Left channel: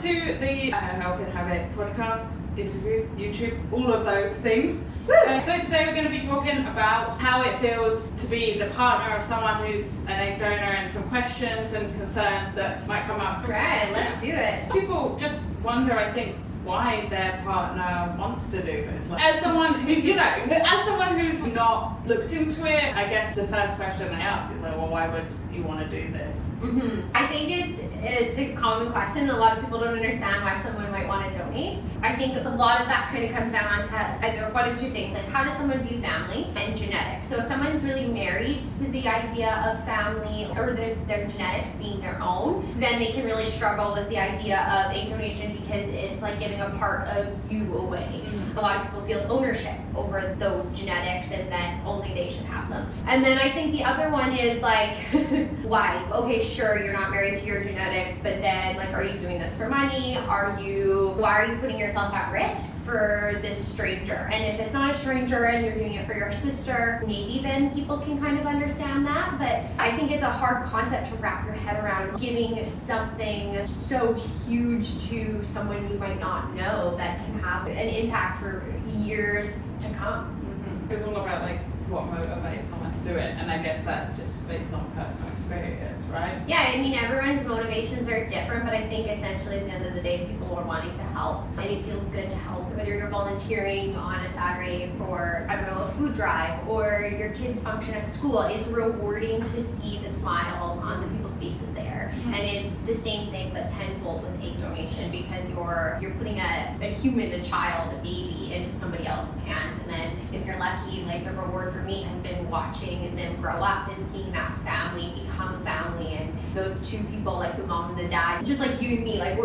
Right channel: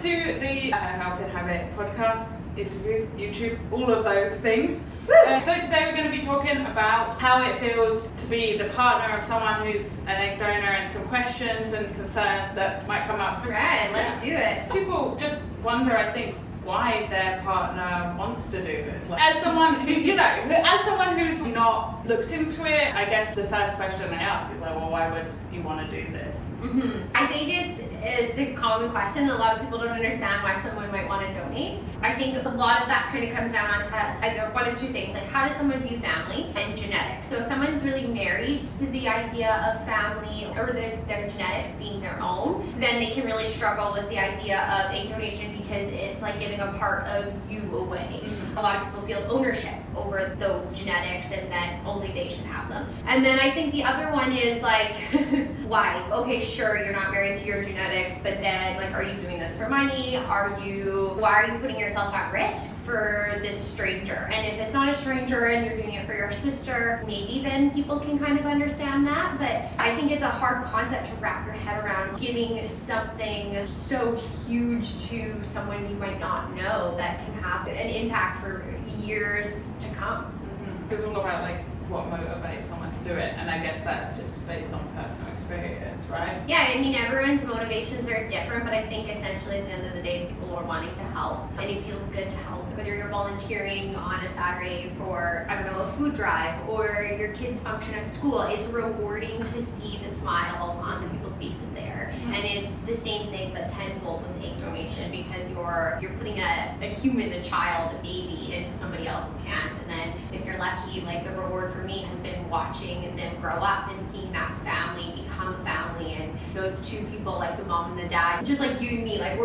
to the How Can Have It podcast, interview, YouTube, all of those things. So today we're going to be talking about how it feels to be the partner of someone who's an egg donor and some questions and concerns that might come up. Right, let's do it. People just wonder, I think, why their partner wants to do this. Like, as someone who, as someone who's not looked into it, I guess the first question I ask is like, well, why would you want to do this? I think it's a common question. A lot of people don't understand why someone might want to donate. I think a lot of that kind of comes down to either one of two things, like how does someone view family and genetics. So if someone's really married to the idea of family or their genetics being their own, then they can really struggle with the idea of egg donation because it's like giving a part of you away. A lot of people feel ownership over those genetics and that only they should have them. And then I think the other one is like, why? Okay, sure, you're not married to your genetics, but then like, are you doing this for money? Why are you putting yourself at risk for this stranger? And if it's not a stranger and you're doing it for your sister, maybe then people can kind of understand that. But I think it's a hard concept to wrap your head around, giving something so huge to someone you might not know that can have an impact for years to come. It's all about like what motivates someone to do it, and I guess that's just based on personal experience, right? Yeah, I mean, everyone's motivations are different, but I think essentially at the end of the day, people are wanting to help, and it feels good to help. Whether you're volunteering on a Saturday for, I don't know, a food drive, or your kids' function at school, it's rewarding to see the smiles on the people's faces there. And it's the same thing, but tenfold with egg donation, because you're putting a human, a child, a baby into somebody else's hands, and then if you're lucky, like the reward for me has been watching and then grow up and seeing that family become a family, and those two people, like the mom and the dad, just like you and me, like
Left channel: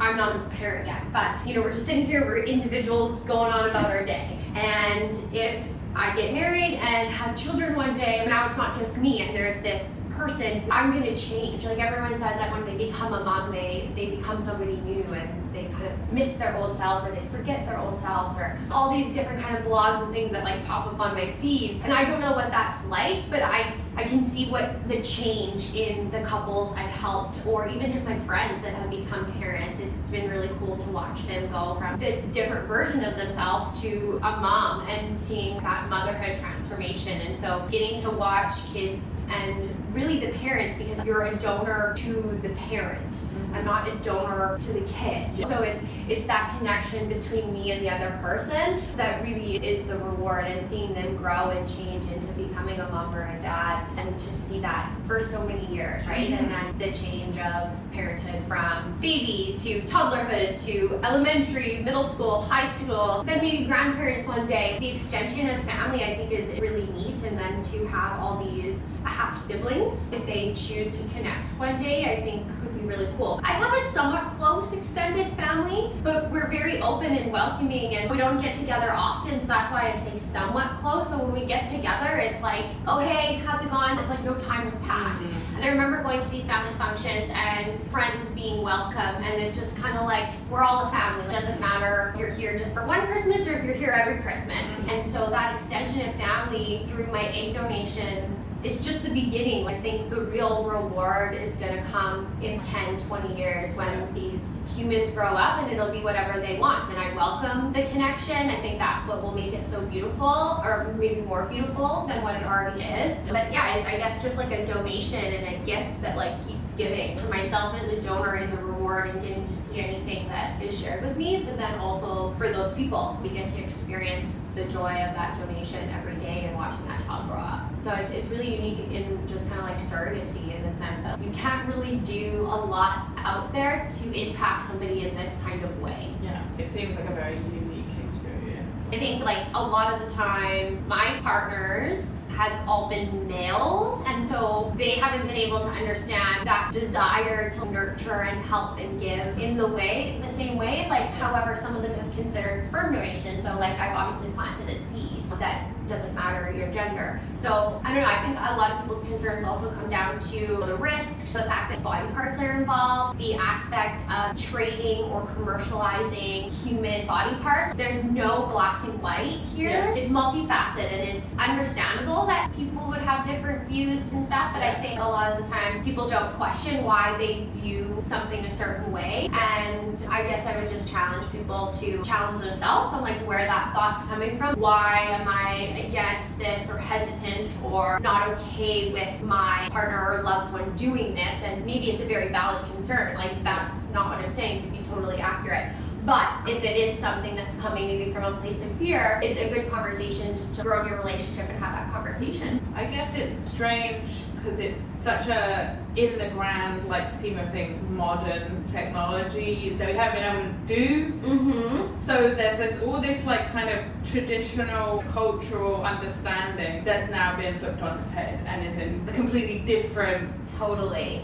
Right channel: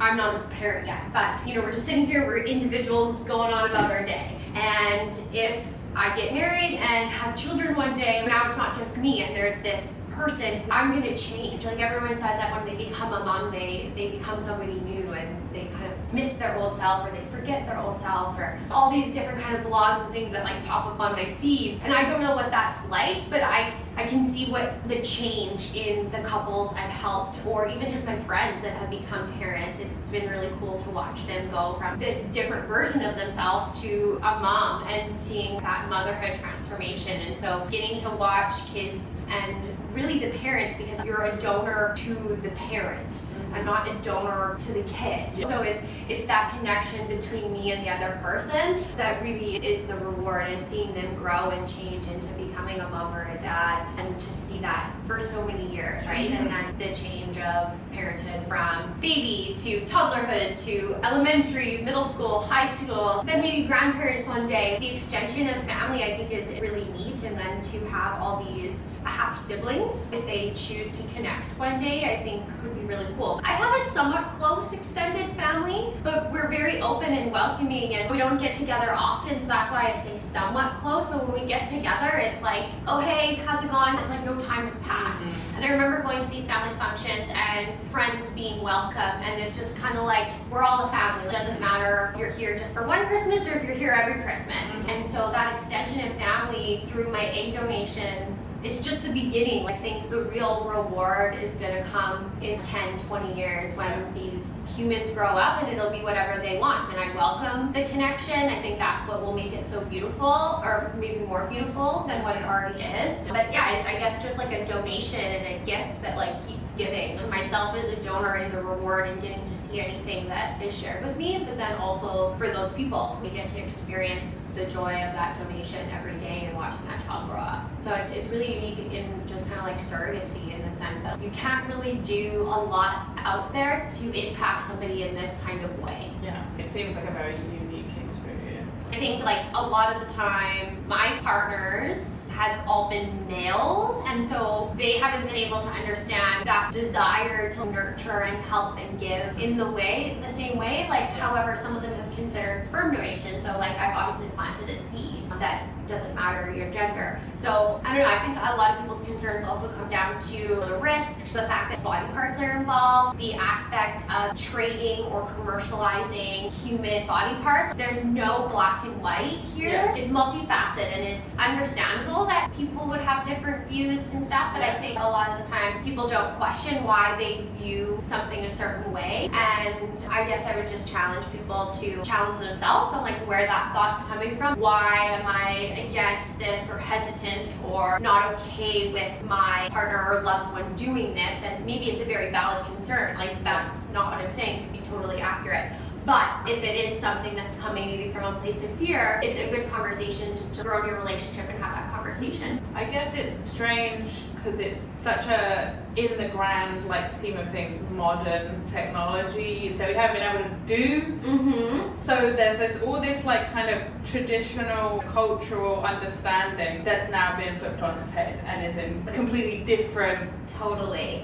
I'm not a parent yet, but we're just sitting here, we're individuals going on about our day. And if I get married and have children one day, now it's not just me, and there's this person who I'm gonna change. Like everyone says that when they become a mom, they become somebody new, and they kind of miss their old self, or they forget their old selves, or all these different kind of blogs and things that like pop up on my feed. And I don't know what that's like, but I can see what the change in the couples I've helped, or even just my friends that have become parents. It's been really cool to watch them go from this different version of themselves to a mom, and seeing that motherhood transformation. And so getting to watch kids and really the parents, because you're a donor to the parent and not a donor to the kid. So it's that connection between me and the other person that really is the reward, and seeing them grow and change into becoming a mom or a dad, and to see that for so many years, right? And then the change of parenthood from baby to toddlerhood to elementary, middle school, high school, then maybe grandparents one day. The extension of family, I think, is really neat. And then to have all these half siblings, if they choose to connect one day, I think could be really cool. I have a somewhat close extended family, but we're very open and welcoming, and we don't get together often, so that's why I say somewhat close. But when we get together, it's like, oh hey, how's it going? It's like no time has passed. And I remember going to these family functions and friends being welcome, and it's just kind of like, we're all a family. It doesn't matter if you're here just for one Christmas or if you're here every Christmas. And so that extension of family through my egg donations, it's just the beginning. I think the real reward is going to come in 10, 20 years when these humans grow up, and it'll be whatever they want. And I welcome the connection. I think that's what will make it so beautiful, or maybe more beautiful than what it already is. But yeah, I guess just like a donation and a gift that like keeps giving to myself as a donor, and the reward and getting to see anything that is shared with me, but then also for those people, we get to experience the joy of that donation every day and watching that child grow up. So it's really unique in just kind of like surrogacy, in the sense that you can't really do a lot out there to impact somebody in this kind of way. Yeah, it seems like a very unique experience. I think like a lot of the time, my partners have all been males, and so they haven't been able to understand that desire to nurture and help and give in the same way. Like, however, some of them have considered sperm donation. So like, I've obviously planted a seed that doesn't matter your gender. So I don't know, I think a lot of people's concerns also come down to the risks, the fact that body parts are involved, the aspect of trading or commercializing human body parts. There's no black and white here. Yeah. It's multifaceted, and it's understandable that people would have different views and stuff, but I think a lot of the time people don't question why they view something a certain way, and I guess I would just challenge people to challenge themselves on like where that thought's coming from. Why am I against this or hesitant or not okay with my partner or loved one doing this? And maybe it's a very valid concern. Like that's not what I'm saying, it could be totally accurate. But if it is something that's coming maybe from a place of fear, it's a good conversation just to grow your relationship and have that conversation. I guess it's strange because it's such a, in the grand like scheme of things, modern technology that we haven't been able to do. So there's all this like kind of traditional cultural understanding that's now been flipped on its head and is in completely different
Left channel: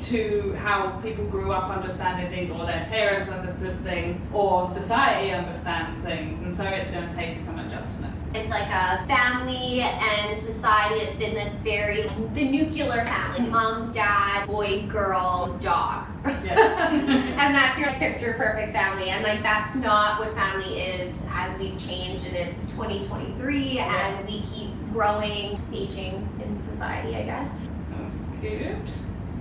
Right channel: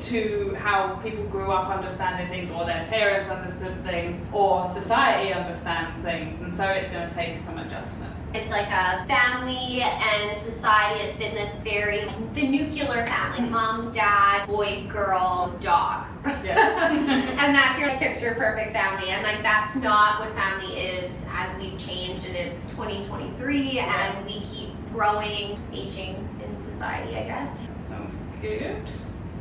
to how people grew up understanding things, or their parents understood things, or society understands things, and so it's going to take some adjustment. It's like a family and society. It's been this very, the nuclear family, mom, dad, boy, girl, dog. Yeah. And that's your picture perfect family. And like that's not what family is as we've changed, and it's 2023 and we keep growing, aging in society, I guess. Sounds good.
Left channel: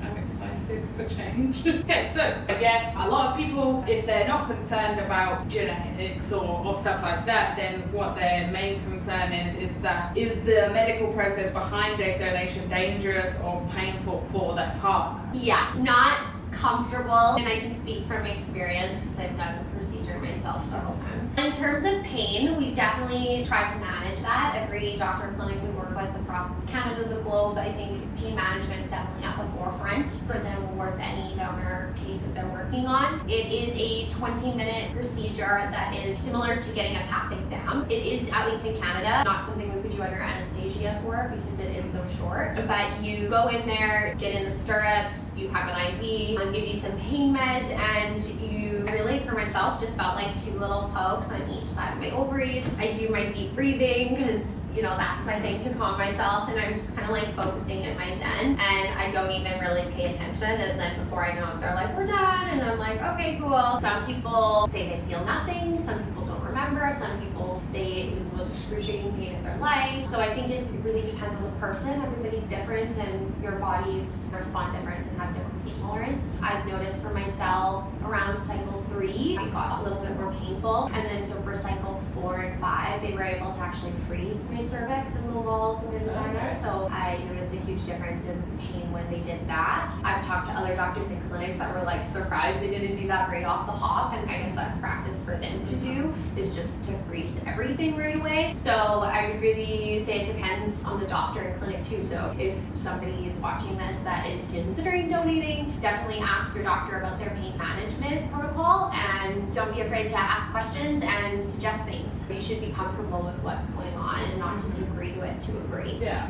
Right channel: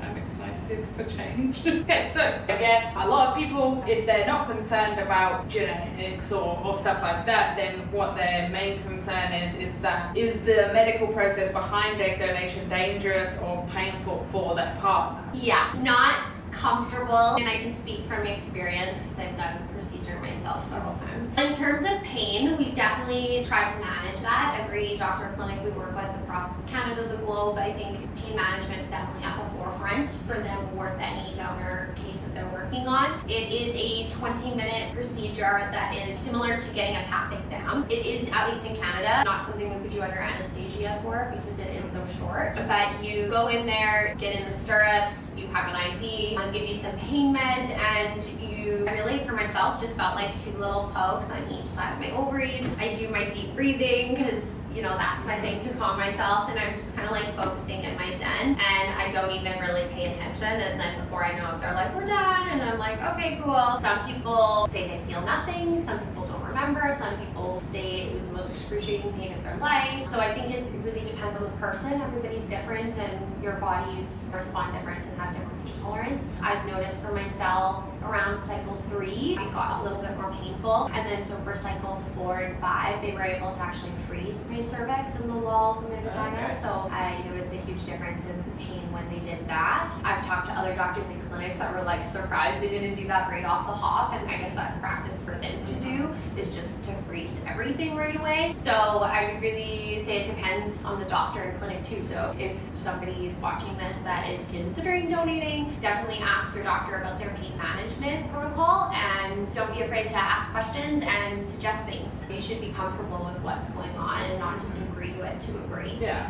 I'm excited for change. Okay, so I guess a lot of people, if they're not concerned about genetics or stuff like that, then what their main concern is that is the medical process behind egg donation dangerous or painful for their partner? Yeah, not comfortable, and I can speak from experience because I've done the procedure myself several times. In terms of pain, we definitely try to manage that. Every doctor clinic we work with across Canada, the globe, I think pain management is definitely at the forefront for them with any donor case that they're working on. It is a 20-minute procedure that is similar to getting a PAP exam. It is, at least in Canada, not something we could do under anesthesia for because it is so short. But you go in there, get in the stirrups, you have an IV, they'll give you some pain meds, and I really, for myself, just felt like 2 little pokes on each side of my ovaries. I do my deep breathing because that's my thing to calm myself, and I'm just kind of like focusing in my zen, and I don't even really pay attention, and then before I know it, they're like, we're done, and I'm like, okay, cool. Some people say they feel nothing, some people don't remember, some people say it was the most excruciating pain of their life. So I think it really depends on the person. Everybody's different, and your bodies respond different and have different pain tolerance. I've noticed for myself around cycle 3, it got a little bit more painful, and then so for cycle 4 and 5, they were able to actually freeze my cervix and the walls of my vagina. Okay. So I noticed a huge difference in pain when they did that. I've talked to other doctors in clinics that were like surprised they didn't do that right off the hop, and I guess that's practice for them to do, is just to freeze everything right away. So I would really say it depends on the doctor and clinic too. So if somebody is watching this that is considering donating, definitely ask your doctor about their pain management protocol, and don't be afraid to ask questions and suggest things. You should be comfortable with what's going on and not just agree to it to agree. Yeah.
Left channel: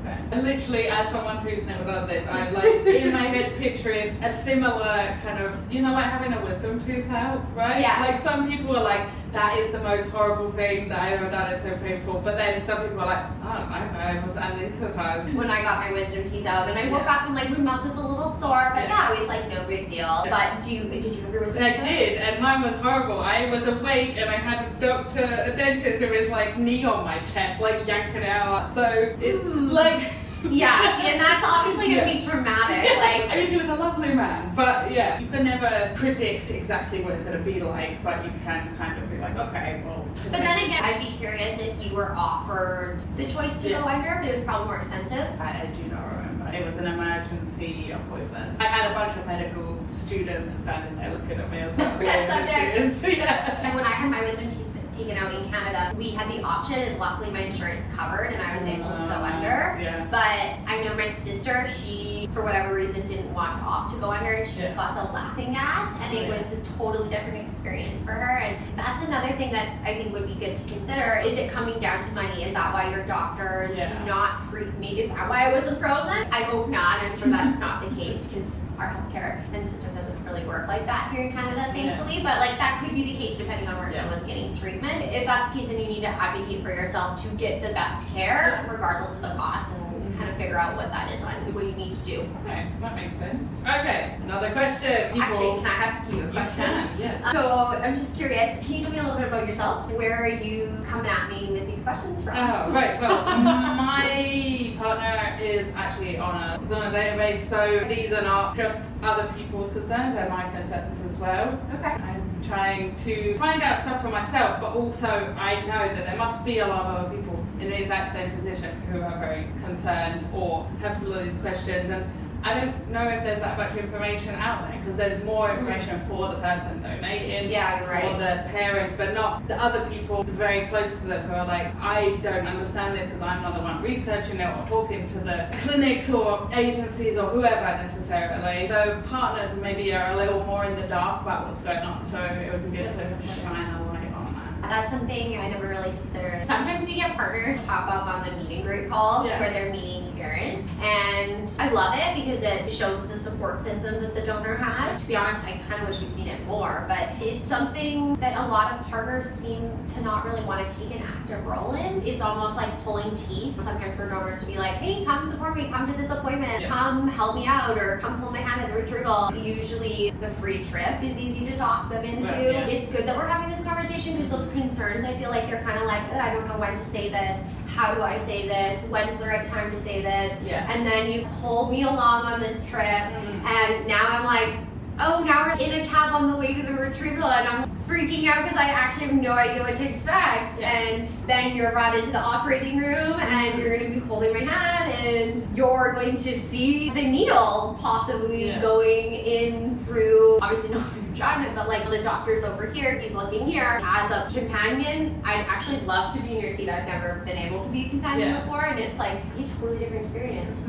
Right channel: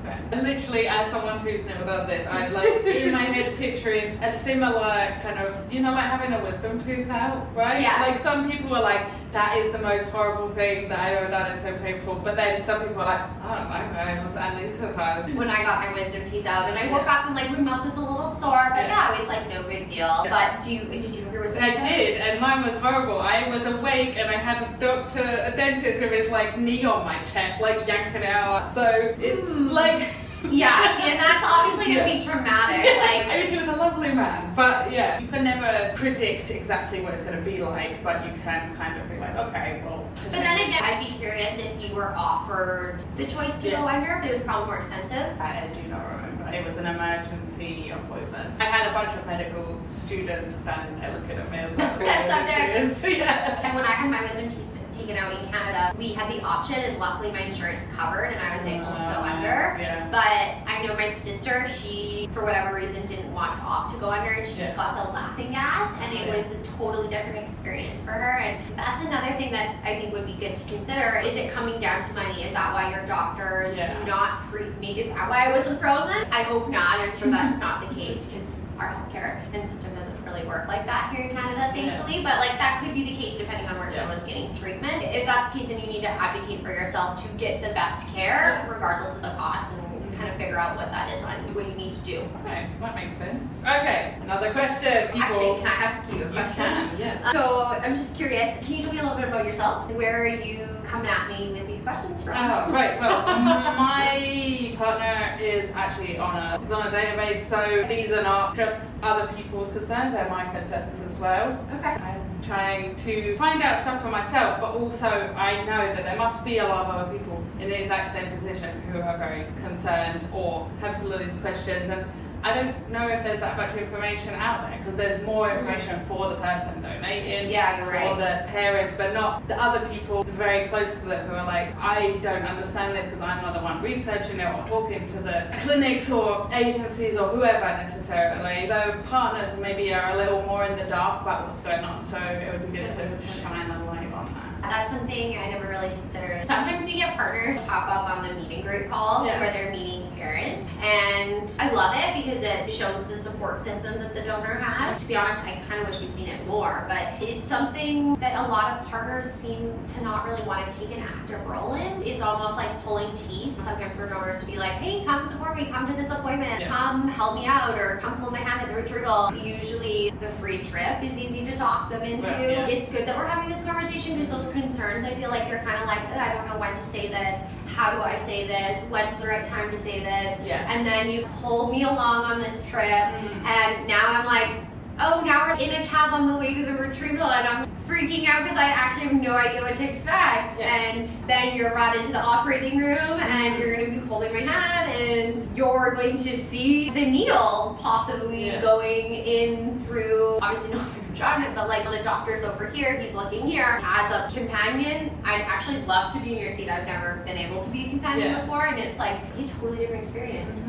Okay. Literally, as someone who's never done this, I'm like in my head picturing a similar kind of, like having a wisdom tooth out, right? Yeah. Like some people are like, that is the most horrible thing that I've ever done, it's so painful. But then some people are like, I don't know, I was anesthetized. When I got my wisdom teeth out, and I woke up and like my mouth is a little sore, but yeah, it was like no big deal. Yeah. But did you have your wisdom I teeth out? did, and mine was horrible. I was awake and I had a dentist with his like knee on my chest, like yanking it out. So it's like Yeah, see, and that's obviously going to be traumatic. Like, I mean, he was a lovely man, but yeah, you can never predict exactly what it's going to be like, but you can kind of be like, okay, well. But then again, I'd be curious if you were offered the choice to go under, but it was probably more expensive. I do not remember. It was an emergency appointment. I had a bunch of medical students standing there looking at me as well. Just up there. Yeah. And when I had my wisdom teeth taken out in Canada, we had the option, and luckily my insurance covered and I was able to go under. Yeah. But I know my sister, she, for whatever reason, didn't want to opt to go under, and she just got the laughing gas, and it was a totally different experience for her. And that's another thing that I think would be good to consider. Is it coming down to money? Is that why your doctors not free me? Is that why I wasn't frozen? I hope not. I'm sure that's not the case, because our healthcare and system doesn't really work like that here in Canada, thankfully. But like that could be the case depending on where someone's getting treatment. If that's the case, then you need to advocate for yourself to get the best care, regardless of the cost, and kind of figure out what that is on what you need to do. Okay, that makes sense. Okay, another question. Actually, can I ask you a question? You can, yes. So I'm just curious, can you tell me a little bit about yourself? Where are you coming at me with these questions from? Oh, right. Well, my partner is actually on a database, so these are not just other people's concerns, they're my concerns as well. Okay. So I I'm trying to find out stuff for myself, but also I know that there must be a lot of other people in the exact same position who are very concerned or have all these questions. And I don't know if there's that much information out there, because there's more information for the person donating, for the parents, but not the other people very close to them who are like, I don't understand this because I'm not the one researching it or talking to the clinics or agencies or whoever necessarily. The partners maybe are a little more in the dark about what's going on, so it would be good to shine a light on that. That's something I never really considered. Sometimes we get partners pop up on the meet and greet calls where they're meeting parents, and I love it because it shows the support system that the donor has. To be honest, I kind of wish we'd seen it more, but it's something that a lot of partners seem to not really want to take an active role in. It's almost like pulling teeth sometimes for donors to be like, hey, come support me, come to this appointment, come help me out, or come hold my hand at the retrieval. Usually the free trip is easy to talk them into. It's good that we're having this conversation because those concerns, I feel like they're kind of like, I don't know when to say this, how do I say this, when's the right time to say this, and then you pulled me along on this trip, and now I'm like, oh, now we're in a cab on the way to the retrieval, and I'm freaking out because I actually have no idea what to expect. And then you're brought into the operating room and you're going to be holding my hand and you're going to see the needle possibly going in through, obviously not through the vagina, but like the doctor's over here, he's looking here. As a companion, I'd actually love to be in your seat. I've never been able to be a companion before, and it's like a totally different experience.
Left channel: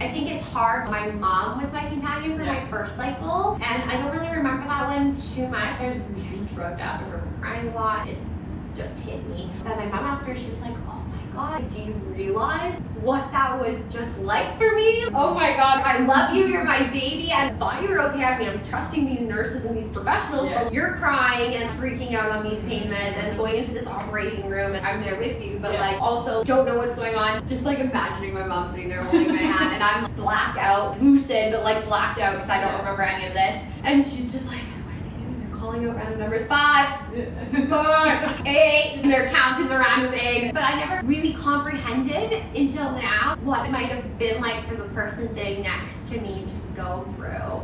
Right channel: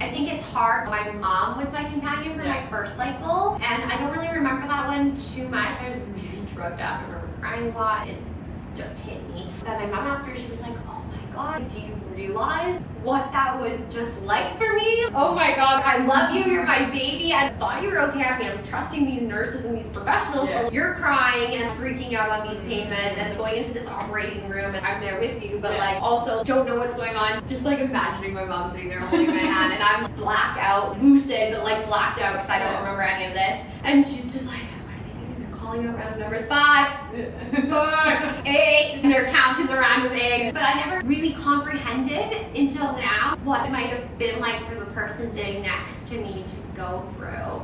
I think it's hard. My mom was my companion for my first cycle, and I don't really remember that one too much. I was really drugged up. I remember crying a lot. It just hit me. And my mom after, she was like, oh my God, do you realize what that was just like for me? Oh my God, I love you, you're my baby. I thought you were okay. I mean, I'm trusting these nurses and these professionals, but you're crying and freaking out on these pain meds and going into this operating room, and I'm there with you, but like also don't know what's going on. Just like imagining my mom sitting there holding my hand, and I'm blackout, lucid, but like blacked out because I don't remember any of this. And she's just like, calling out random numbers, 5, 4, 8, and they're counting the random eggs. But I never really comprehended until now what it might have been like for the person sitting next to me to go through.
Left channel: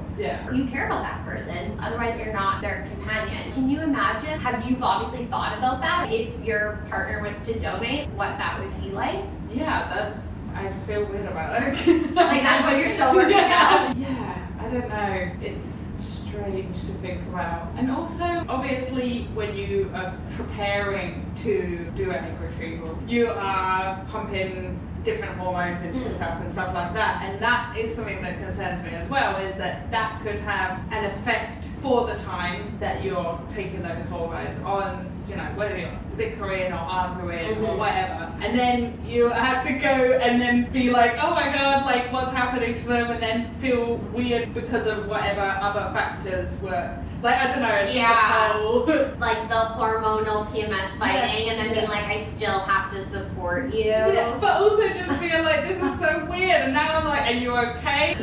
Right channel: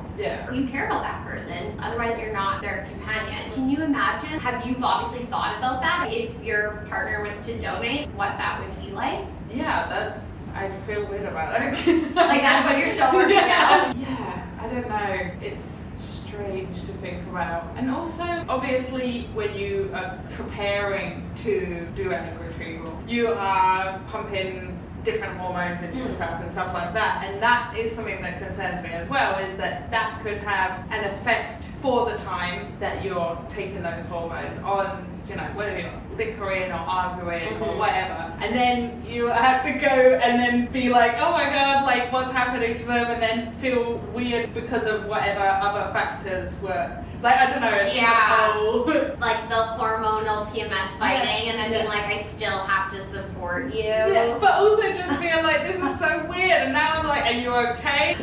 You care about that person, otherwise you're not their companion. Can you imagine, you've obviously thought about that, if your partner was to donate, what that would be like? I feel weird about it. Like that's what you're still working out? I don't know. It's strange to think about. And also, obviously, when you are preparing to do an egg retrieval, you are pumping different hormones into yourself and stuff like that, and that is something that concerns me as well, is that that could have an effect for the time that you're taking those hormones on, you know, whether you're bickering or arguing or whatever, and then you have to go and then be like, oh my God, like what's happening to them, and then feel weird because of whatever other factors were. Like, I don't know, it's like the hormonal PMS fighting, and then being like, I still have to support you. But also just being like, this is so weird, and now I'm like, are you okay?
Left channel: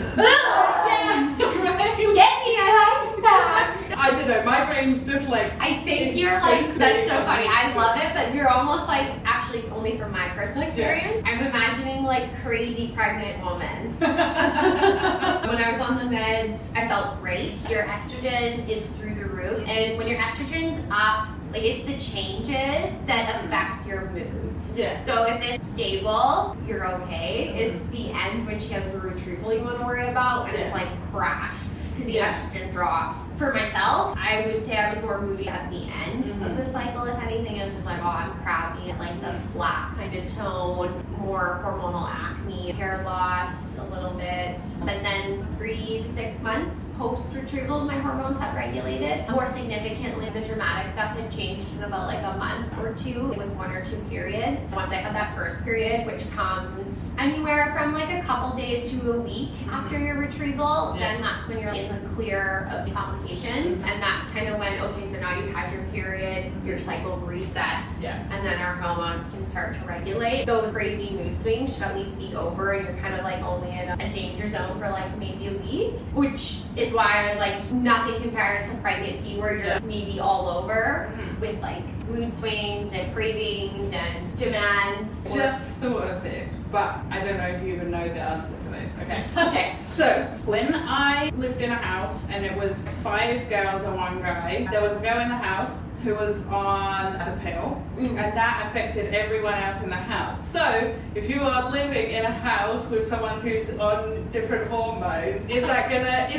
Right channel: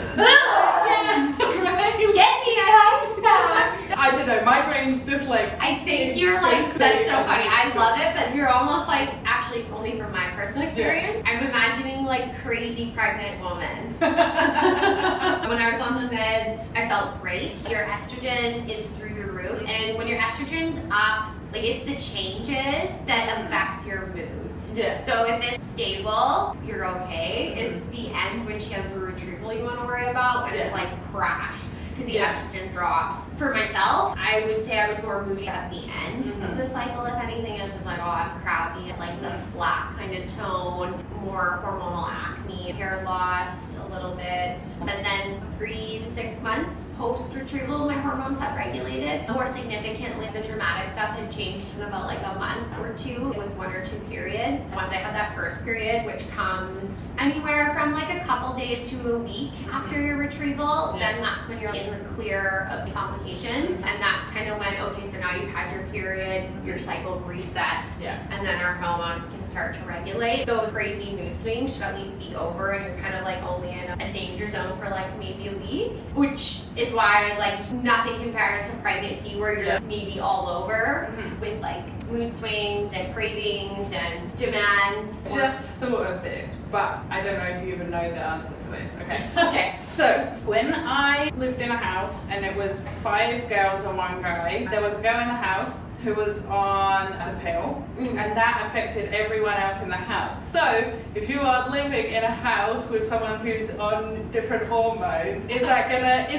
Get me a house back! I don't know, my brain's just like... I think you're like, that's so funny, I love it, but you're almost like, actually only from my personal experience, I'm imagining like crazy pregnant woman. When I was on the meds, I felt great. Your estrogen is through the roof, and when your estrogen's up, like it's the changes that affects your mood. So if it's stable, you're okay. It's the end when she has the retrieval you want to worry about, when it's like crash, because the estrogen drops. For myself, I would say I was more moody at the end of the cycle. If anything, it was just like, oh, I'm crappy. It's like the flat kind of tone, more hormonal acne, hair loss a little bit. But then 3 to 6 months post-retrieval, my hormones had regulated. More significantly, the dramatic stuff had changed in about like a month or two, with 1 or 2 periods. Once I had that first period, which comes anywhere from like a couple days to a week after your retrieval, then that's when you're in the clear of complications. And that's kind of when, okay, so now you've had your period, your cycle resets, Yeah. and then our hormones can start to regulate. Those crazy mood swings should at least be over, and you're kind of like only in a danger zone for like maybe a week, which is why I was like, nothing compared to pregnancy where you're maybe all over with like mood swings and cravings and demands. Just thought of this, but I don't know if you even know the answer to this. Okay. Okay. So when I lived in a house and it was 5 girls and 1 guy, there was a girl in the house who was on the pill, and that affected everyone else in the house. So if you are living in a house with someone who's on different hormones, is that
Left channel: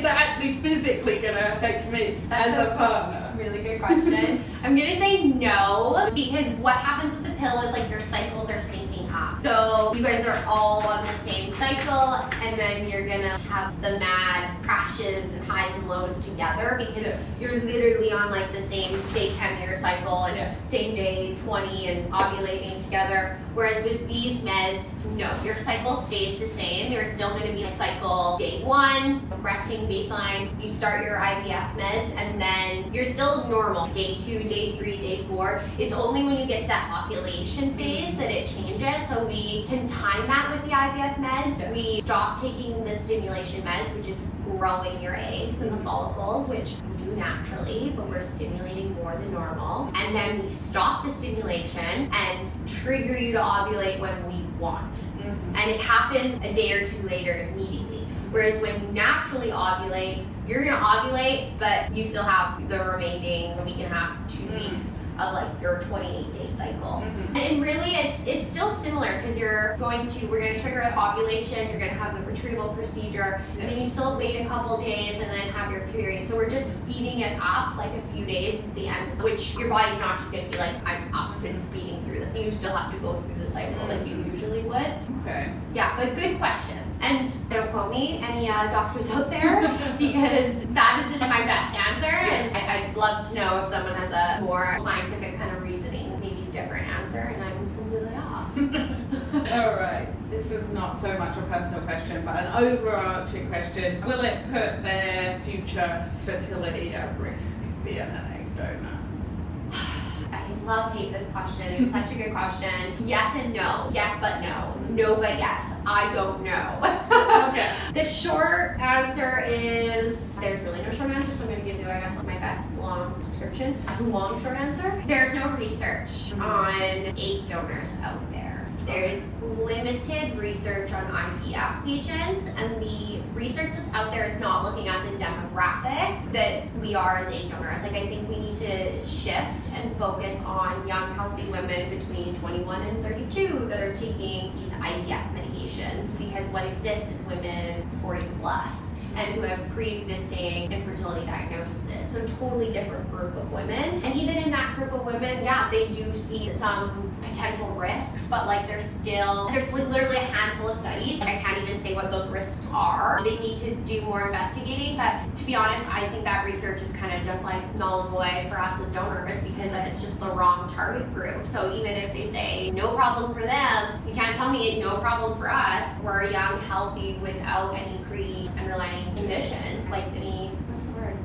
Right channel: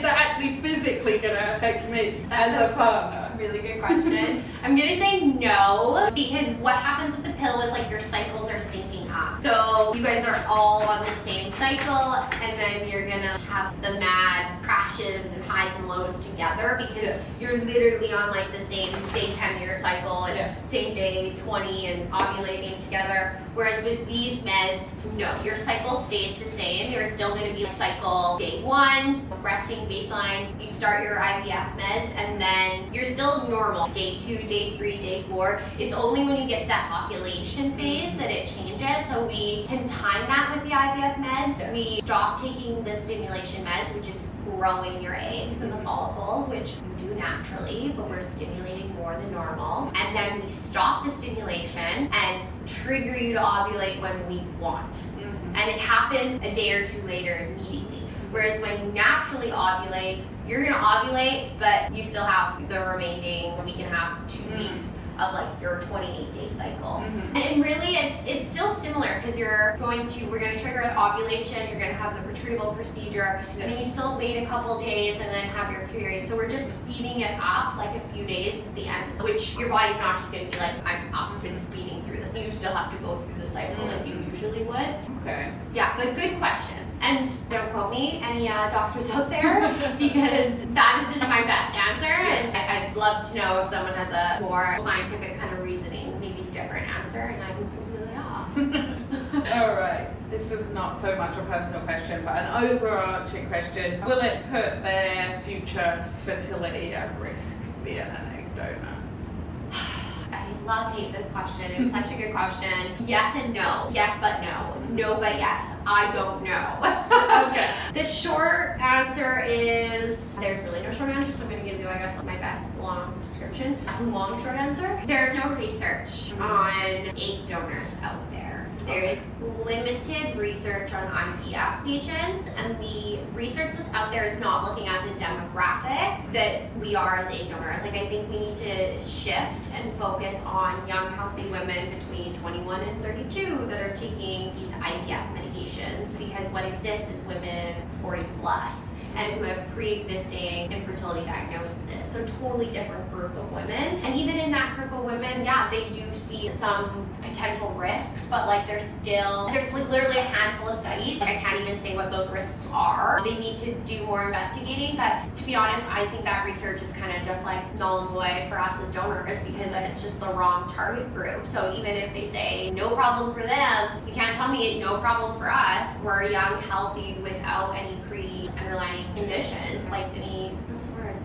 actually physically gonna affect me as a partner? Really good question. I'm gonna say no, because what happens with the pill is like your cycles are syncing up. So you guys are all on the same cycle, and then you're gonna have the mad crashes and highs and lows together, because you're literally on like the same day 10 year cycle and same day 20 and ovulating together. Whereas with these meds, no, your cycle stays the same. You're still going to be cycle day 1, resting baseline. You start your IVF meds, and then you're still normal day 2, day 3, day 4. It's only when you get to that ovulation phase that it changes. So we can time that with the IVF meds. We stop taking the stimulation meds, which is growing your eggs and the follicles, which you do naturally, but we're stimulating more than normal. And then we stop the stimulation and trigger you to ovulate when we want. And it happens a day or 2 later immediately. Whereas when you naturally ovulate, you're gonna ovulate, but you still have the remaining week and a half, 2 weeks of like your 28-day cycle. And really it's still similar, because we're gonna trigger an ovulation, you're gonna have the retrieval procedure, and then you still wait a couple days and then have your period. So we're just speeding it up like a few days at the end, which your body's not just gonna be like, I'm up and speeding through this. You still have to go through the cycle like you usually would. Okay. Yeah, but good question. And don't quote me, any doctors out there, because that is just my best answer. And I'd love to know if someone has a more scientific kind of reasoning, maybe different answer, and I'm completely off. All right. This is not so much a personal question, but an overarching question. Will it put their future fertility at risk, being an egg donor? Hate this question. It's such a good question. Yes and no. Yes but no. No but yes. I don't know. Okay. The short answer is, there's really no short answer, so I'm going to give you, I guess, my best long description. Long short answer. There's no research on egg donors out there. There's limited research on IVF patients, and the research that's out there is not looking at the demographic that we are as egg donors. Like, I think we need to shift and focus on young, healthy women between 21 and 32 that are taking these IVF medications, because what exists is women 40 plus and who have pre-existing infertility diagnoses. So totally different group of women. And even in that group of women, yeah, they do see some potential risks, but like there's like literally a handful of studies. Like, I can't even say what those risks are. They need to do more investigating, but to be honest, I think that research is kind of just like null and void for us as donors, because it's just the wrong target group. So even if they say no problem for them, you can't tell me no problem for us. We're young, healthy, without any underlying conditions, like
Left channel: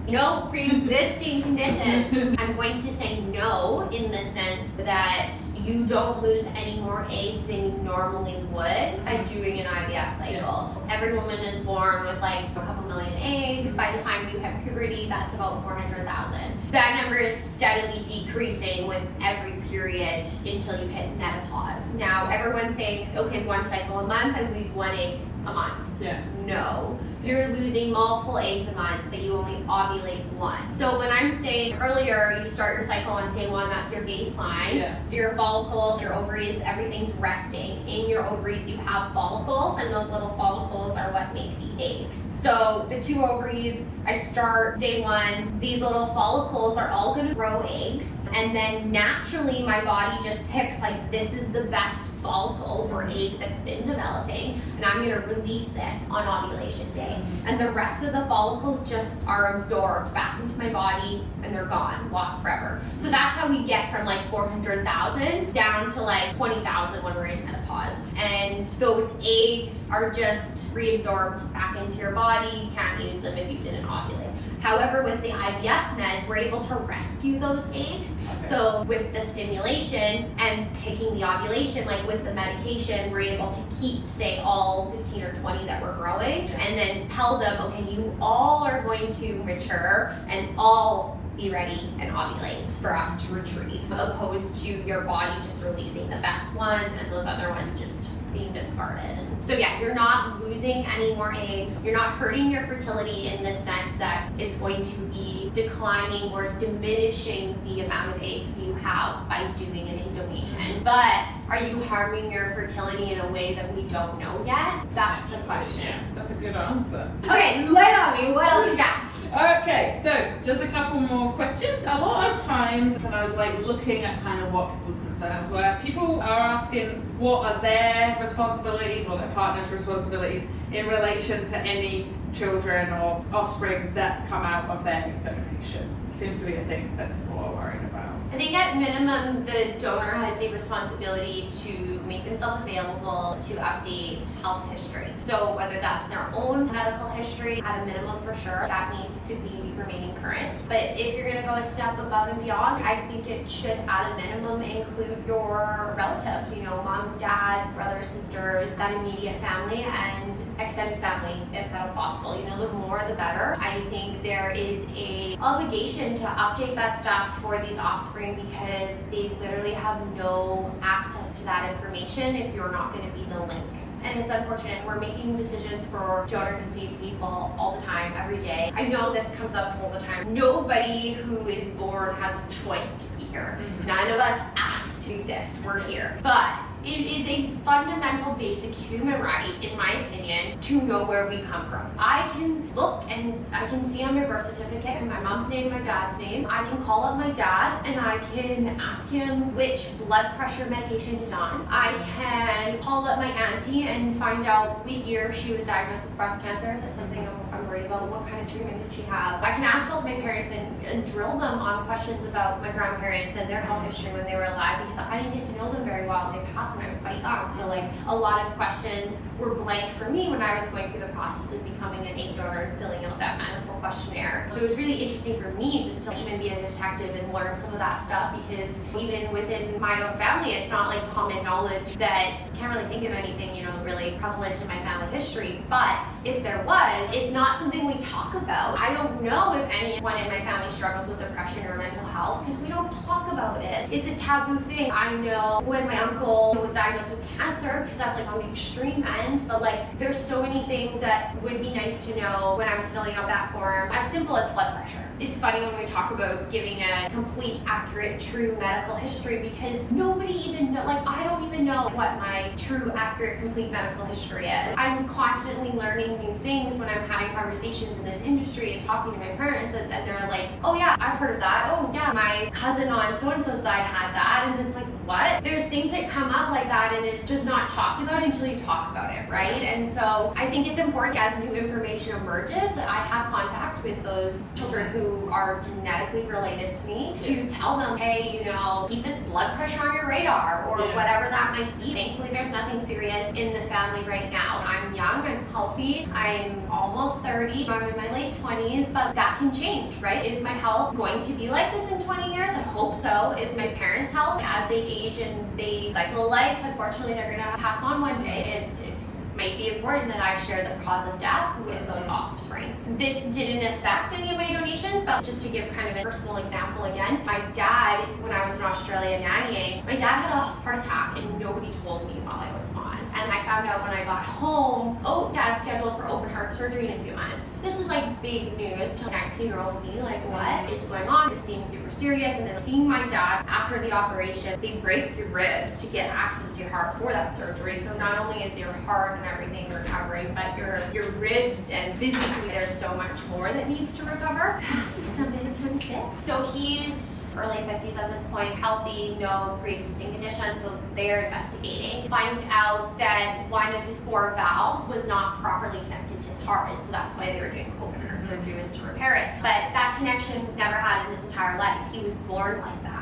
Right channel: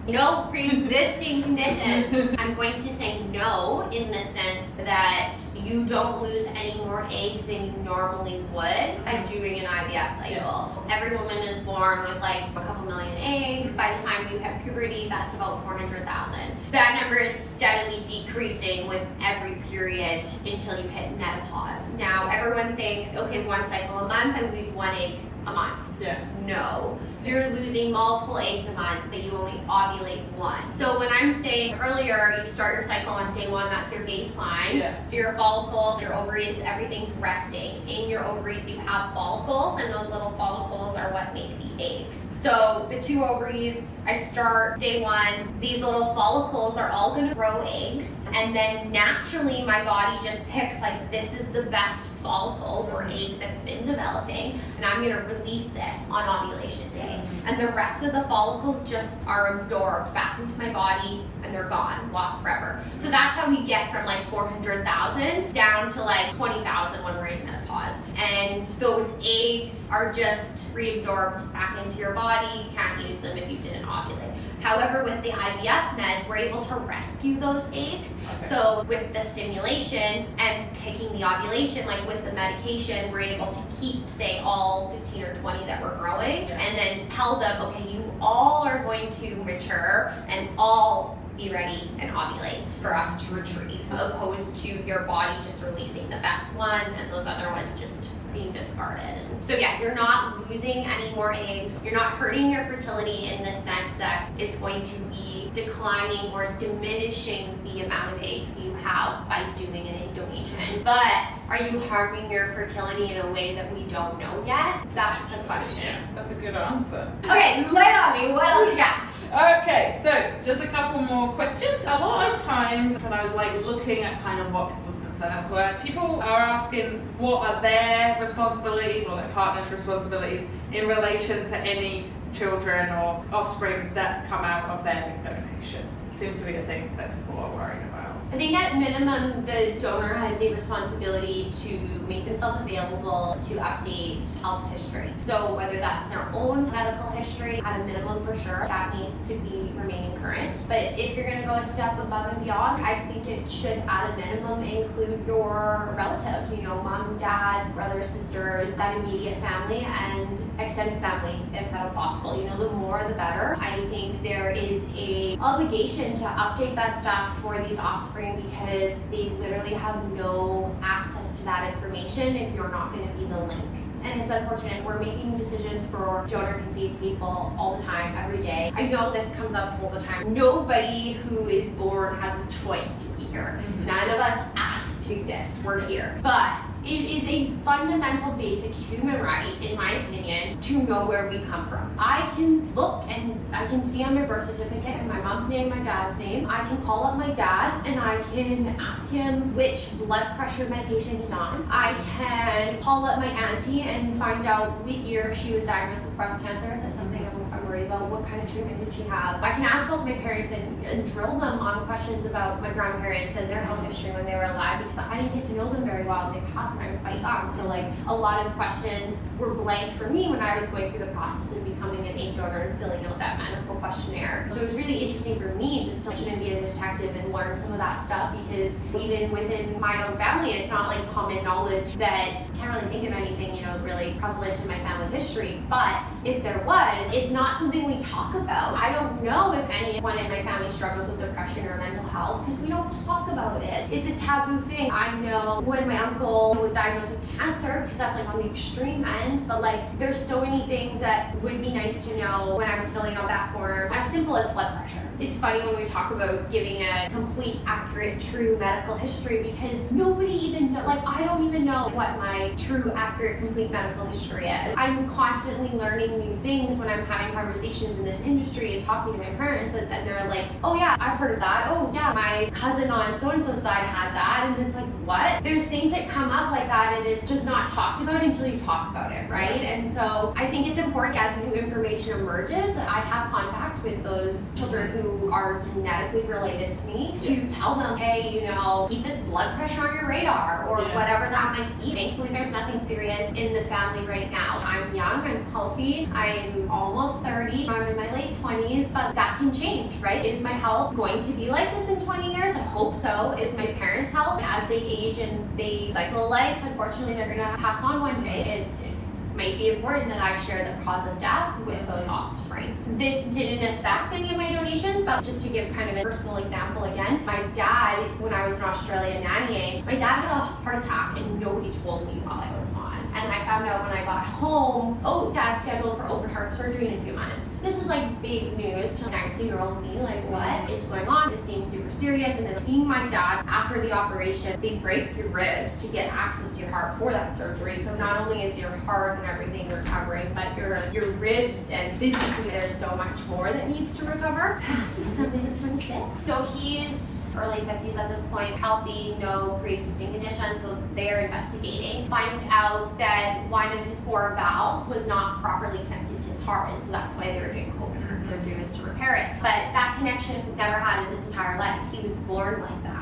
no pre-existing conditions. I'm going to say no in the sense that you don't lose any more eggs than you normally would by doing an IVF cycle. Every woman is born with like a couple million eggs. By the time you hit puberty, that's about 400,000. That number is steadily decreasing with every period until you hit menopause. Now, everyone thinks, okay, 1 cycle a month, I lose 1 egg a month. Yeah. No. You're losing multiple eggs a month, but you only ovulate 1. So when I'm saying earlier, you start your cycle on day 1, that's your baseline. Yeah. So your follicles, your ovaries, everything's resting. In your ovaries, you have follicles, and those little follicles are what make the eggs. So the 2 ovaries, I start day 1, these little follicles are all gonna grow eggs, and then naturally my body just picks like, this is the best follicle or egg that's been developing, and I'm gonna release this on ovulation day. And the rest of the follicles just are absorbed back into my body, and they're gone. lost forever. So that's how we get from like 400,000 down to like 20,000 when we're in menopause. And those eggs are just reabsorbed back into your body. You can't use them if you didn't ovulate. However, with the IVF meds, we're able to rescue those eggs. Okay. So with the stimulation and picking the ovulation, like with the medication, we're able to keep, say, all 15 or 20 that we're growing, and then tell them, okay, you all are going to mature and all be ready and ovulate for us to retrieve, opposed to your body just releasing the best one and those other ones just being discarded. And so yeah, you're not losing any more eggs. You're not hurting your fertility in the sense that it's going to be declining or diminishing the amount of eggs you have by doing an egg donation. But are you harming your fertility in a way that we don't know yet? That's the question. That's a good answer. Okay, lay it on me. What else you got? Okay, so just a couple more questions. A lot of times when I was like looking at kind of what people's concerns were, people are asking what are their responsibilities or their partner's responsibilities in relation to any children or offspring that come out of their donation. It seems to be a thing that people are worrying about. I think at minimum, the donor has a responsibility to make themselves available to update health history. So whether that's their own medical history, at a minimum for sure, that needs to be remaining current. But if you're gonna go a step above and beyond, I think it should at a minimum include your relatives, you know, mom, dad, brothers, sisters, that immediate family, and extended family if at all possible. You know, the more the better. I think there is a obligation to update that stuff for these offspring because they literally have no access to that information if you're not going to be the link. And it's unfortunate. We're making decisions for donor conceived people all the time, every day. I know this comes up all the time. Nobody who is born has a choice to be here. None of us asked to exist. We're here. But it is a fundamental basic human right, in my opinion, to know where we come from. I can look and I can see on my birth certificate my mom's name, my dad's name. I can call up my dad and I can ask him which blood pressure medication he's on. I can call up my auntie and find out what year she was diagnosed with breast cancer. That's something I'm worried about. What kind of treatment did she have? I can ask both my parents and drill them on questions about my grandparents and their health history when they were alive, because I didn't get to know them very well and they passed when I was quite young. So like a lot of questions were blank for me when I was going through the process of becoming an egg donor and filling out that medical questionnaire. So it was really interesting for me just to even be a detective and learn some of that stuff, because even within my own family, it's not like common knowledge that I can't really think of anything, you know, really prevalent in my family history. But if there was, it's not something we talk about. I don't know if anyone in my family struggles with depression or mental health because we don't talk about it. It's a taboo thing. I know when my uncle was diagnosed with cancer, because that's like on the extreme end, but like there's so many things that would be nice to know when I was filling out that form, as simple as blood pressure. It's funny when we talk about giving a complete, accurate, true medical history, because nobody even know, like I don't even know what my true, accurate, complete medical history is. I'm constantly learning new things when I'm having conversations in this industry and talking to my parents, and they're like, oh yeah, I've heard of that. Oh yeah, my cousin on so-and-so side had that. And it's like, what? There's things that come up like that and it's just not talked about until you talk about it, right? And so I think it's important as new information emerges that I have contact with those children who are genetically related to me to tell them, hey, you know, keep this blood pressure on your radar or whatever that might be. Thankfully, there's nothing serious in the family right now. I'm young, I'm healthy, I'm almost 30, I'm in my late 20s, but that can change, right? Is my health going to be like this in 20 years? I hope so. Is my parents' health, as they age and they cycle life, unfortunately they're gonna pass on one day. It might be important that I share the cause of death with those offspring. This didn't affect any of my donations, but just to give kind of a personal example again, my dad, when I was in Australia nannying, my dad had a heart attack and nobody told me while I was gone. And I found out when I got home, oh, dad's scheduled for open heart surgery in a few months. This is like big news to 19-year-old me, like what is going on? This seems super serious. And then seeing my dad after the operation, they break your ribs to get access to your heart for that surgery. So not only is your heart and everything recovering, but your ribs and physically there's so much more that needs to recover. This is 26. So he's early 50s at this point, healthy, no pre-existing conditions, so they're investigating. Find out that one of his 4 valves was not properly connected to his heart, and so that's why they were doing open heart surgery, was to repair it. But that connection never had in his entire life. He was born like that.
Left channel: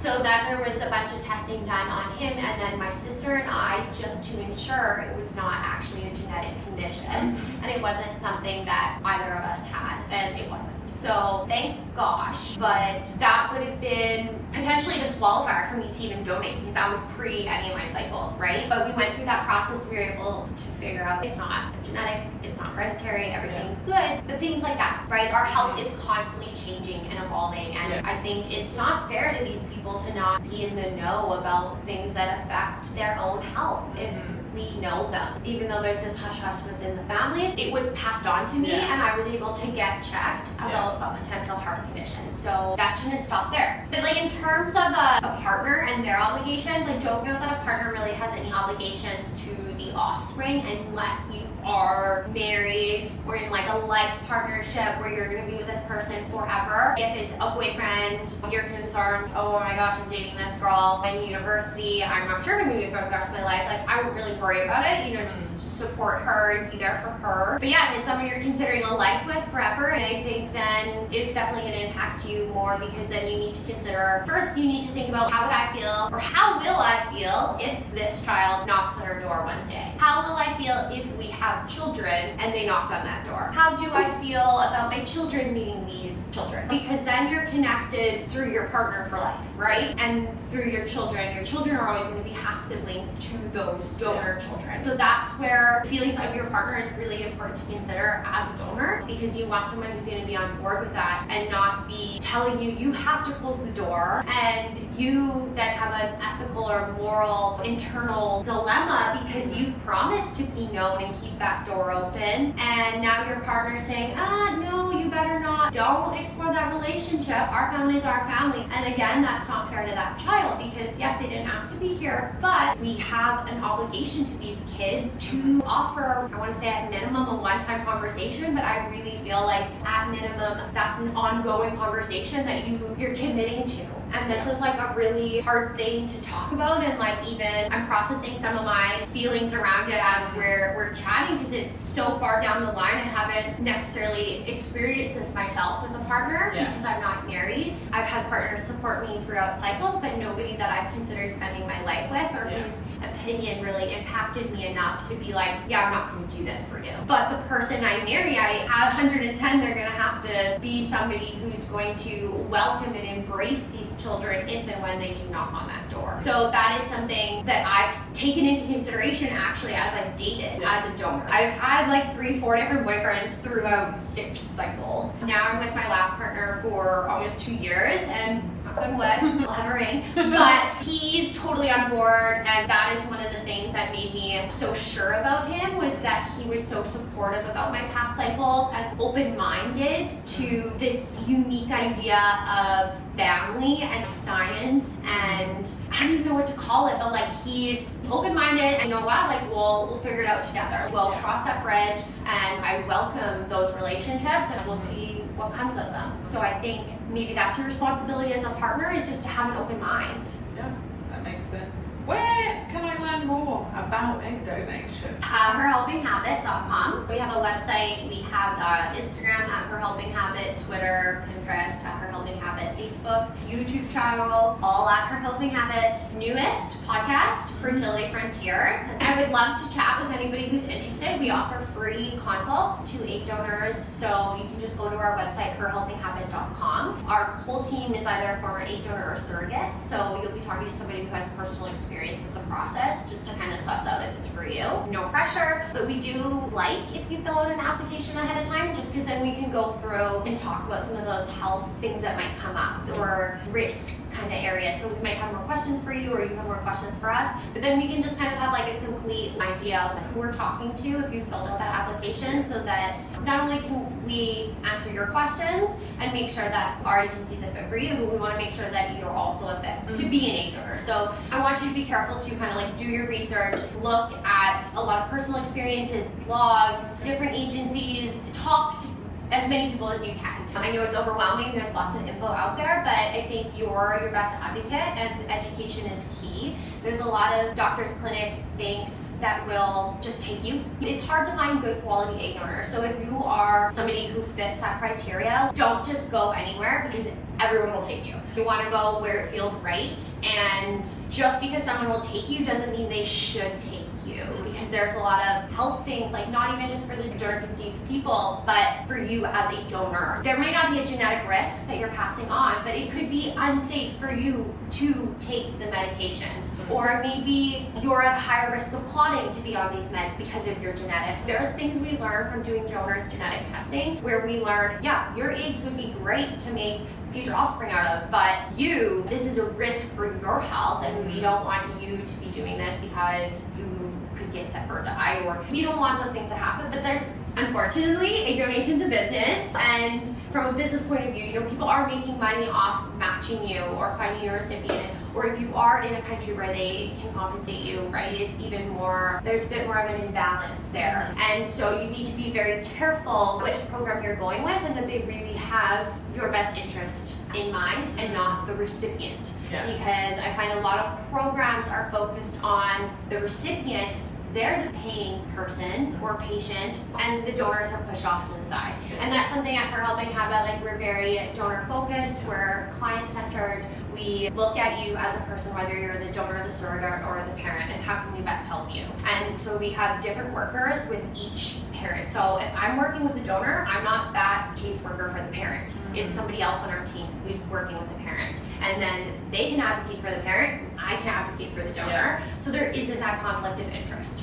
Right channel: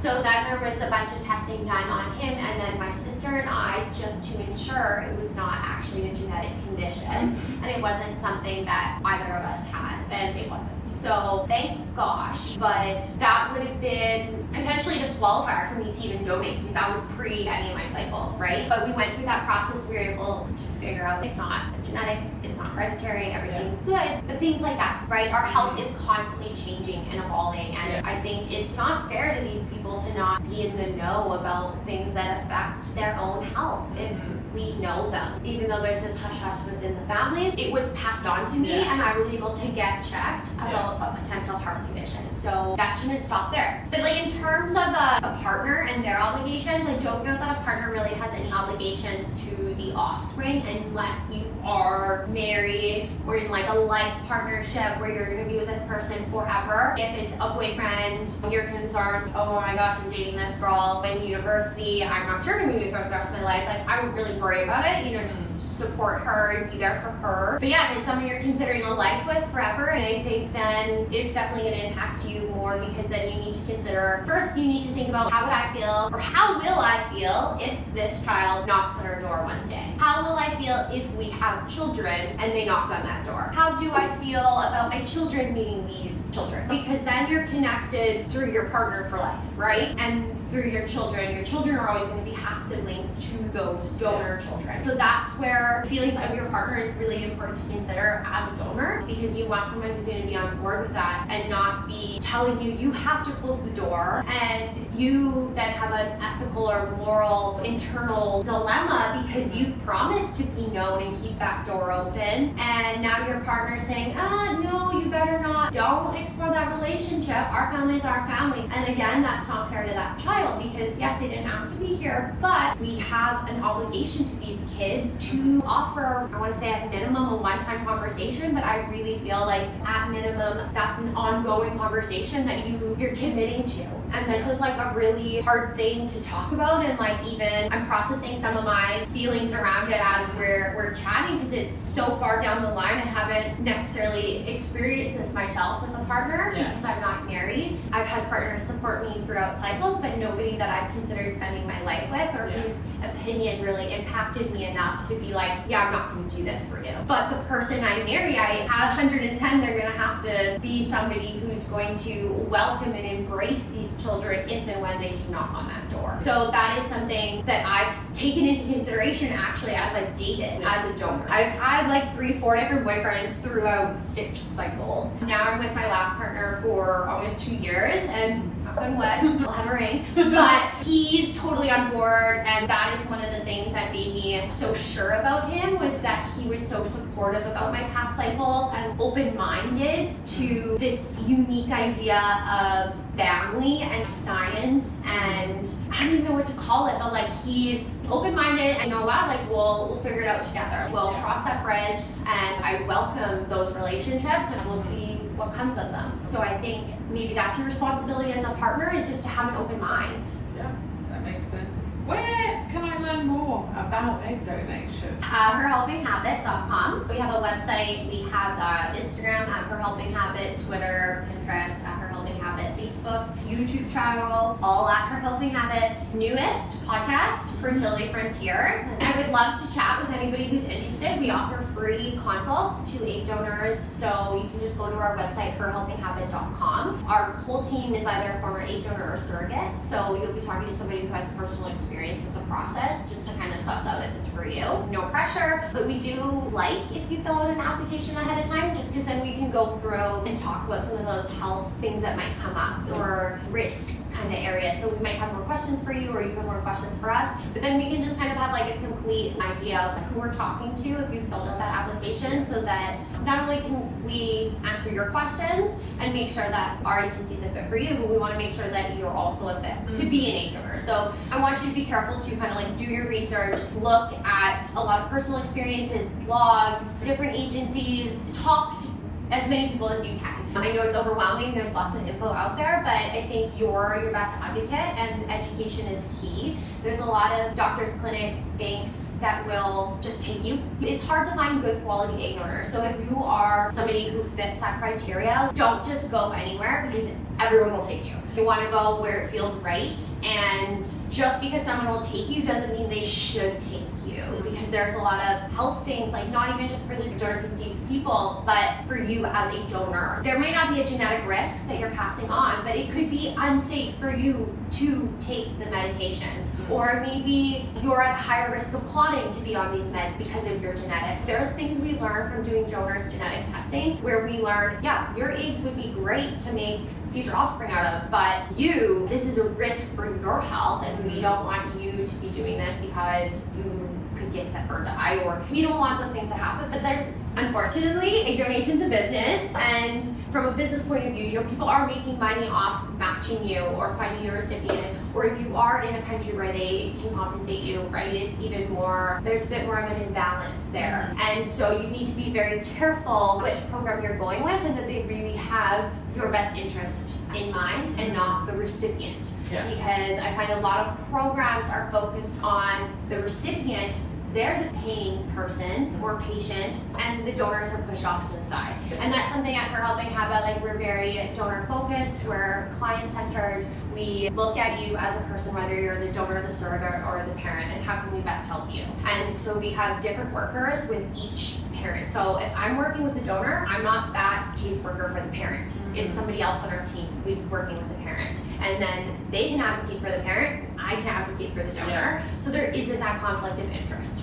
So that there was a bunch of testing done on him, and then my sister and I, just to ensure it was not actually a genetic condition, and it wasn't something that either of us had, and it wasn't. So thank gosh, but that would have been potentially a disqualifier for me to even donate, because that was pre any of my cycles, right? But we went through that process. We were able to figure out it's not genetic, it's not hereditary, everything's good, but things like that, right? Our health is constantly changing and evolving, and I think it's not fair to these people to not be in the know about things that affect their own health if we know them. Even though there's this hush-hush within the families, it was passed on to me, and I was able to get checked about a potential heart condition. So that shouldn't stop there. But like in terms of a partner and their obligations, I don't know that a partner really has any obligations to the offspring unless you are married or in like a life partnership where you're going to be with this person forever. If it's a boyfriend, you're concerned, oh my gosh, I'm dating this girl in university, I'm not sure if I'm going to be with her the rest of my life, like I would really worry about it, you know, just support her and be there for her. But yeah, if it's someone you're considering a life with forever, and I think then it's definitely going to impact you more, because then you need to consider, first you need to think about how would I feel, or how will I feel if this child knocks on our door one day? How will I feel if we have children and they knock on that door? How do I feel about my children meeting these children? Because then you're connected through your partner for life, right? And through your children are always going to be half siblings to those donor children. So that's where feelings of your partner is really important to consider as a donor, because you want someone who's going to be on board with that and not be telling you you have to close the door, and you then have an ethical or moral internal dilemma because you've promised to be known and keep that door open, and now your partner's saying, no, you better not, don't explore that relationship, our family is our family. And again, that's not fair to that child, because yes, they didn't ask to be here, but we have an obligation to these kids to offer, I want to say at minimum, a one-time conversation, but I really feel like at minimum that's an ongoing conversation that you're committing to. And this is like a really hard thing to talk about, and like even I'm processing some of my feelings around it as we're chatting, because it's so far down the line. I haven't necessarily experienced this myself with a partner because I'm not married. I've had partners support me throughout cycles, but nobody that I've considered spending my life with or whose opinion really impacted me enough to be like, yeah, I'm not going to do this for you. But the person I marry, I have 110, they're going to have to be somebody who's going to welcome and embrace these children if and when they do knock on that door. So that is something that I've taken into consideration actually as I've dated as a donor. I've had like 3-4 different boyfriends throughout 6 cycles. Now I'm with my last partner for almost 2 years, and knock on wood, we'll have a ring. But he's totally on board, and that is one of the things that made me so sure about him, was that he was so supportive about my past cycles and open-minded to this unique idea of family and science, and I don't even know what to call it, but like he's open-minded and you know what, like we'll figure it out together. We'll cross that bridge, and I welcome those relationships, and we'll see what comes of them. So I think maybe that's your responsibility as a partner, is just to have an open mind. Yeah, that makes sense. Where can I learn more about egg donation? Herhelpinghabit.com. We have a website, we have Instagram at herhelpinghabit, Twitter, Pinterest at herhelpinghabit, Facebook, YouTube channel, all at herhelpinghabit. Newest podcast, Fertility Frontier. I would love to chat with anybody who's interested. We offer free consults to egg donors, so you can just go to our website, herhelpinghabit.com. Our whole team is either a former egg donor or surrogate, so you'll be talking to somebody who has personal experience with the process, just to kind of suss out if it's for you. No pressure, but we do like if you fill out an application ahead of time, just because then we can go through and talk about some of those health things that might come up, or risk kind of areas. So we might have more questions for you, or you have more questions for us, but then we can just kind of have like a complete idea of who we're talking to if you filled out that application, so that not only can we answer your questions and make sure that our agency is a fit for you, but we want to make sure that you're also a fit to be an egg donor. So I want you to be careful to kind of like do your research, look at a lot of personal experiences, blogs, different agencies, talk to as many people as you can. I know it's overwhelming, there's lots of info out there, but I think you're your best advocate and education is key. There's a lot of doctors, clinics, banks that will just take you. It's hard to find good quality egg donors. So if you are somebody who fits that criteria, don't just go anywhere because everyone will take you. You want to go where it feels right, and just because someone will take you doesn't mean they should take you, because there's a lot of health things, like not even just for the donor conceived people, but for you as a donor. There may not be a genetic risk that you're passing on, but it could be unsafe for you to take the medications, or maybe you're at higher risk of clotting to be on these meds because of your genetics. There's things we learn from doing donors genetic testing where we learn, yeah, your eggs would be great to make future offspring out of, but this is a risk for your health, and we don't want you to be doing this because you could get sick or die, or we don't want those things to happen. But there's, unfortunately, egg donation's a business, and from a business point of view, people are making money off matching you or finding a recipient, or if you are in a country where they can compensate you, right, it's even more, there's a bit more of an imbalance there. And so you need to be very careful which program you're going with, and that they really have your best interest in mind and not the recipient. Yeah. Because I find a lot of programs are focused on the recipient. They're the paying person or patient, and the donors are pushed off to the side. And that's something at For Helping Habit, like, we're very donor focused, we're client centered. We look at you as a person, whether you're the donor, the surrogate, or the parent, and how can we best help you. And so we have different workers with each parent. So if I'm working with the donor, I'm not that caseworker for the parent. It's somebody else on our team who's working with the parent. And then they can advocate for the parent, I can advocate for the donor. Yeah. So there isn't that conflict of interest.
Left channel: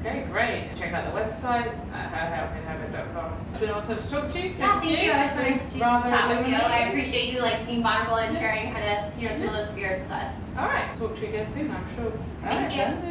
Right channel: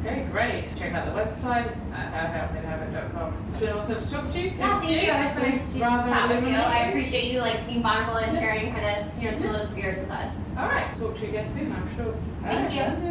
Okay, great. Check out the website at howhelpinghabit.com. It's been awesome to talk to you. Thank you. It was nice to chat with you. I appreciate you being vulnerable and sharing kind of some of those fears with us. All right, talk to you again soon, I'm sure. Thank you.